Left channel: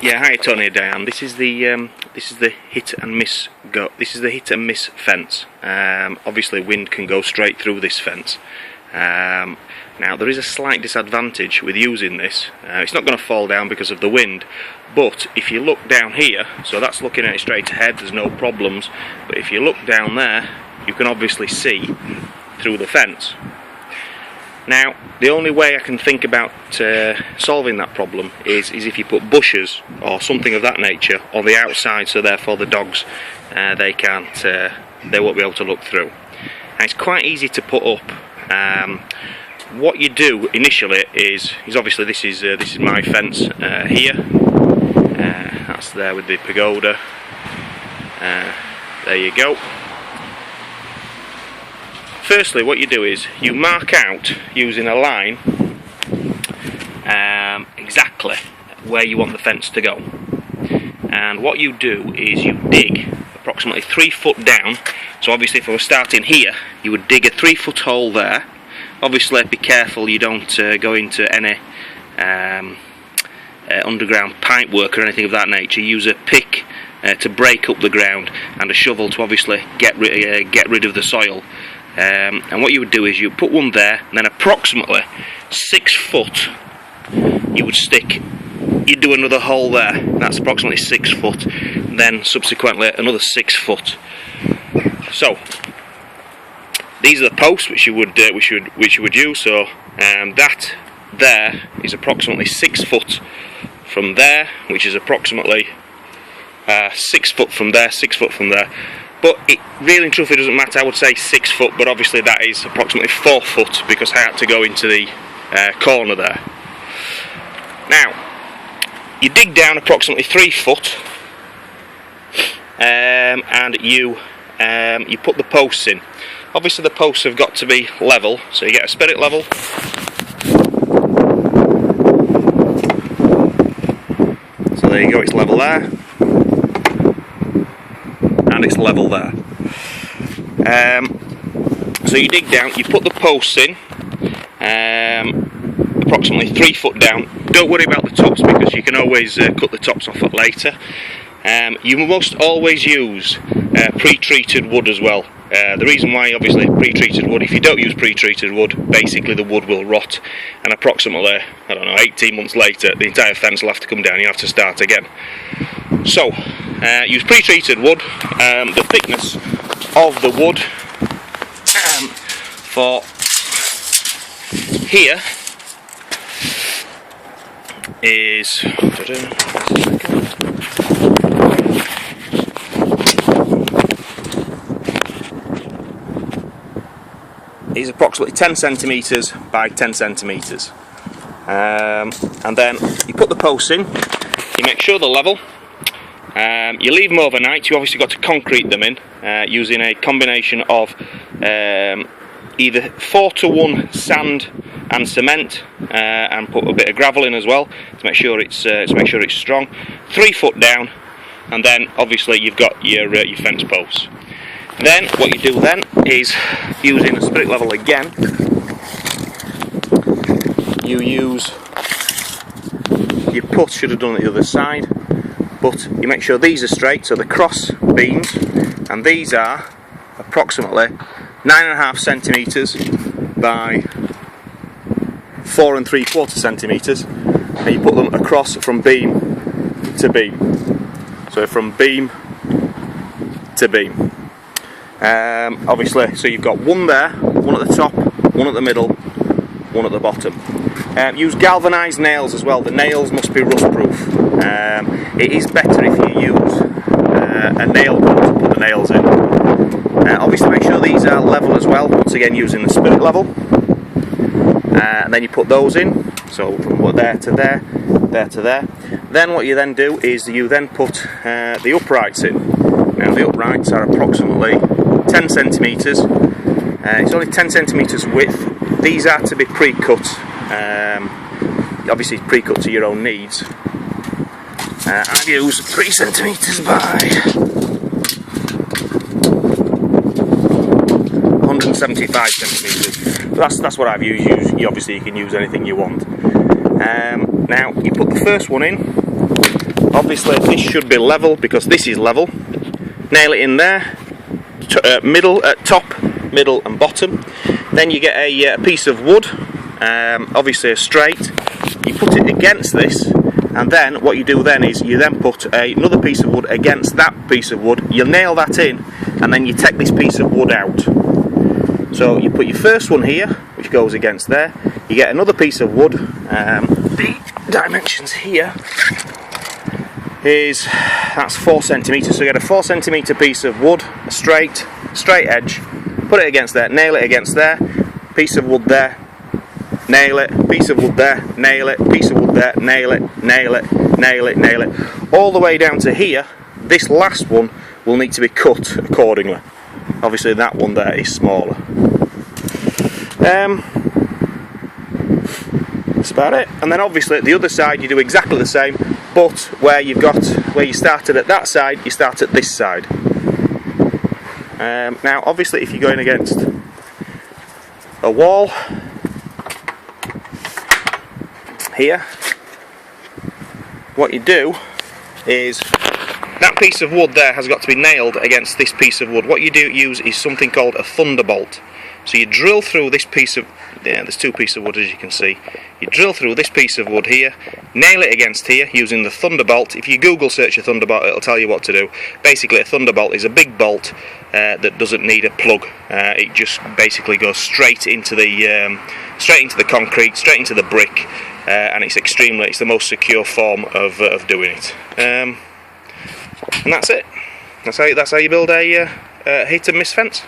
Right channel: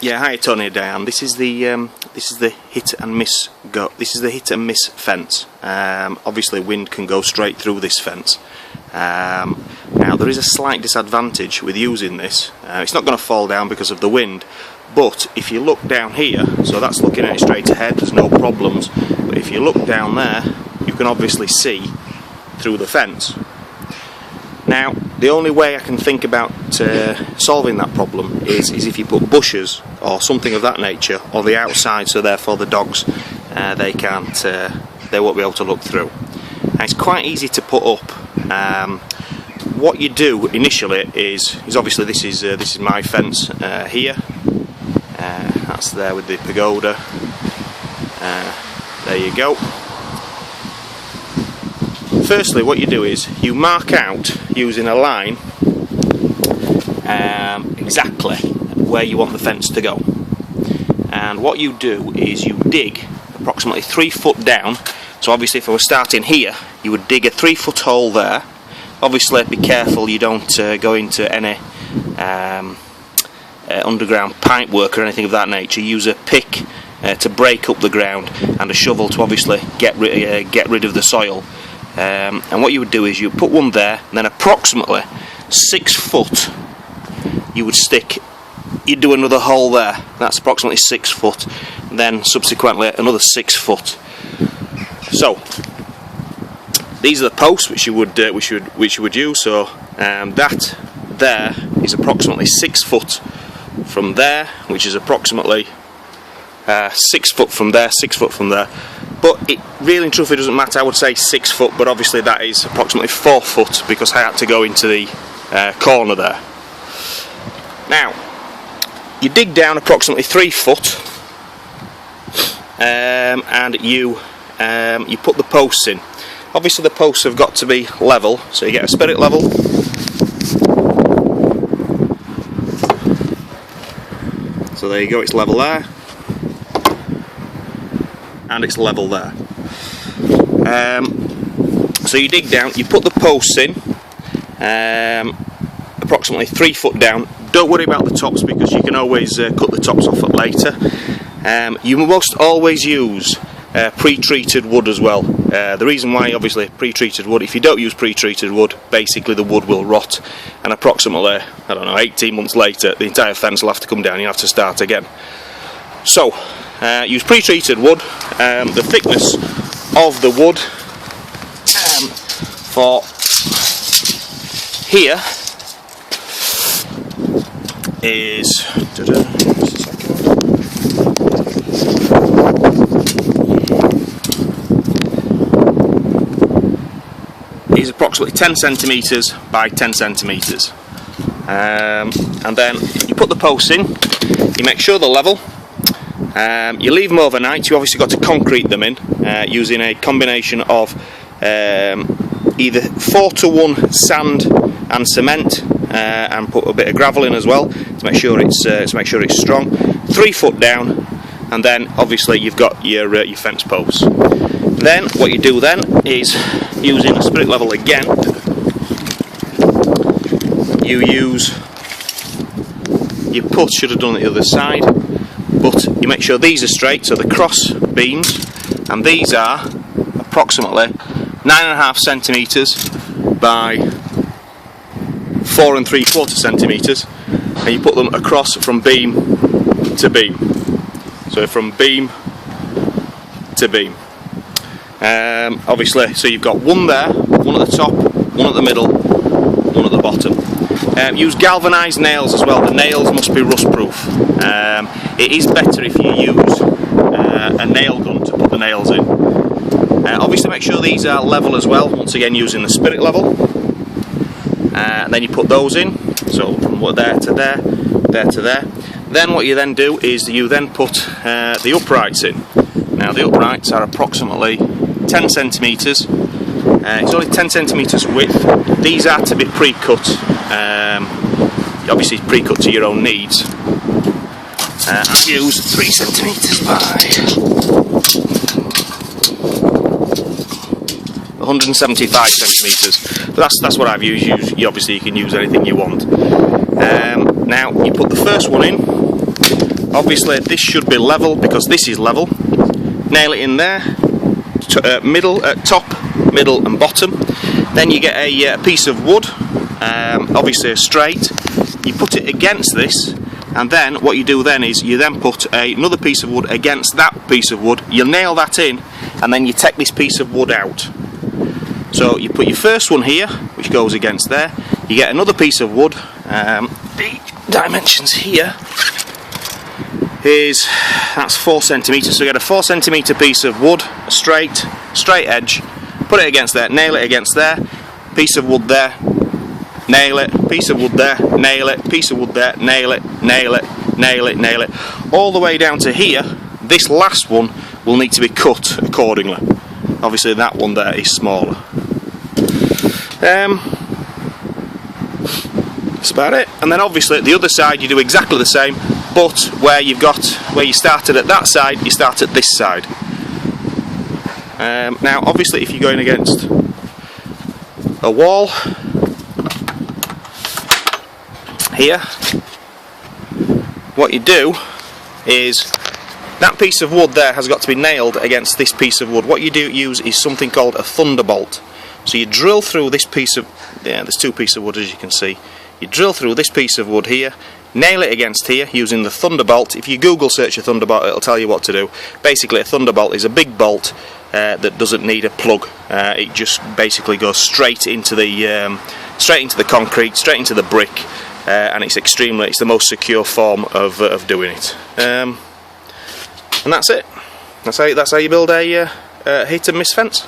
Yeah, hi Tony and Diane. This is the hit and miss go. This is the hit and miss fence. Obviously, wind can go straight through this fence. Now there is a slight disadvantage with using this. It's not going to fall down because of the wind, but if you look down here, so that's looking at it straight ahead, there's no problems. But if you look down there, you can obviously see through the fence. Now, the only way I can think about solving that problem is if you put bushes or something of that nature on the outside, so therefore the dogs they won't be able to look through. And it's quite easy to put up. What you do initially is obviously this is my fence here. That's there with the pagoda. There you go. Firstly, what you do is you mark out using a line exactly where you want the fence to go, and what you do is you dig approximately 3 foot down. So obviously if I was starting here, you would dig a 3 foot hole there. Obviously be careful you don't go into any underground pipe work or anything of that nature. Use a pick to break up the ground and a shovel to obviously get rid of the soil. And what you would do is you put one there, and then approximately 6 foot you'd do another hole there. That's approximately 6 foot. Then subsequently another 6 foot. So these are the posts which you would use. So that there is approximately 6 foot from there, which is approximately 6 foot from there, 6 foot from there. But it really and truthfully doesn't matter. I would say 6 foot, but obviously that is approximately 4 foot because I had to go into the corner there. Now, you dig down approximately 3 foot, and you put the posts in. Obviously the posts have got to be level, so you get a spirit level. So there you go, it's level there. And it's level there. So you dig down, you put the posts in, approximately 3 foot down. Don't worry about the tops because you can always cut the tops off later. You must always use pre-treated wood as well. The reason why, obviously, pre-treated wood, if you don't use pre-treated wood, basically the wood will rot, and approximately, I don't know, 18 months later, the entire fence will have to come down, you have to start again. So, use pre-treated wood. The thickness of the wood for here is approximately 10 centimetres by 10 centimetres. And then you put the posts in, you make sure they're level. You leave them overnight. You obviously got to concrete them in using a combination of either 4-to-1 sand and cement, and put a bit of gravel in as well to make sure it's strong. 3 foot down, and then obviously you've got your fence posts. Then what you do then is, using a spirit level again, should have done it the other side. But you make sure these are straight, so the cross beams, and these are approximately 9.5 centimetres by 4 3/4 centimetres, and you put them across from beam to beam. So from beam to beam. Obviously, so you've got one there, one at the top, one at the middle, one at the bottom. Use galvanised nails as well. The nails must be rust proof. It is better if you use a nail gun to put the nails in. Obviously make sure these are level as well, once again using the spirit level. And then you put those in, so from there to there, there to there. Then what you then do is you then put the uprights in. Now the uprights are approximately 10 centimetres. It's only 10 centimetres width. These are to be pre-cut. Obviously pre-cut to your own needs. I've used 3 centimetres by 175 centimetres. But that's what I've used. Obviously you can use anything you want. Now you put the first one in, obviously this should be level because this is level. Nail it in there, middle, top, middle and bottom. Then you get a piece of wood, obviously a straight. You put it against this, and then what you do then is you then put another piece of wood against that piece of wood. You nail that in, and then you take this piece of wood out. So you put your first one here, which goes against there. You get another piece of wood. The dimensions here is, that's 4 centimetres. So you get a 4 centimetre piece of wood, a straight edge. Put it against there, nail it against there. Piece of wood there, nail it. Piece of wood there, nail it. Piece of wood there, nail it, nail it, nail it, nail it. All the way down to here. This last one will need to be cut accordingly. Obviously that one there is smaller. That's about it. And then obviously at the other side you do exactly the same, but where you started at that side, you start at this side. Now obviously if you're going against a wall here, what you do is that piece of wood there has got to be nailed against this piece of wood. What you use is something called a thunderbolt. So you drill through this piece of, there's 2 pieces of wood as you can see. You drill through this piece of wood here, nail it against here using the thunderbolt. If you Google search a thunderbolt, it'll tell you what to do. Basically a thunderbolt is a big bolt that doesn't need a plug. It just basically goes straight into the concrete, straight into the brick, and it's the most secure form of doing it. And that's it. That's how you build a hit and miss fence.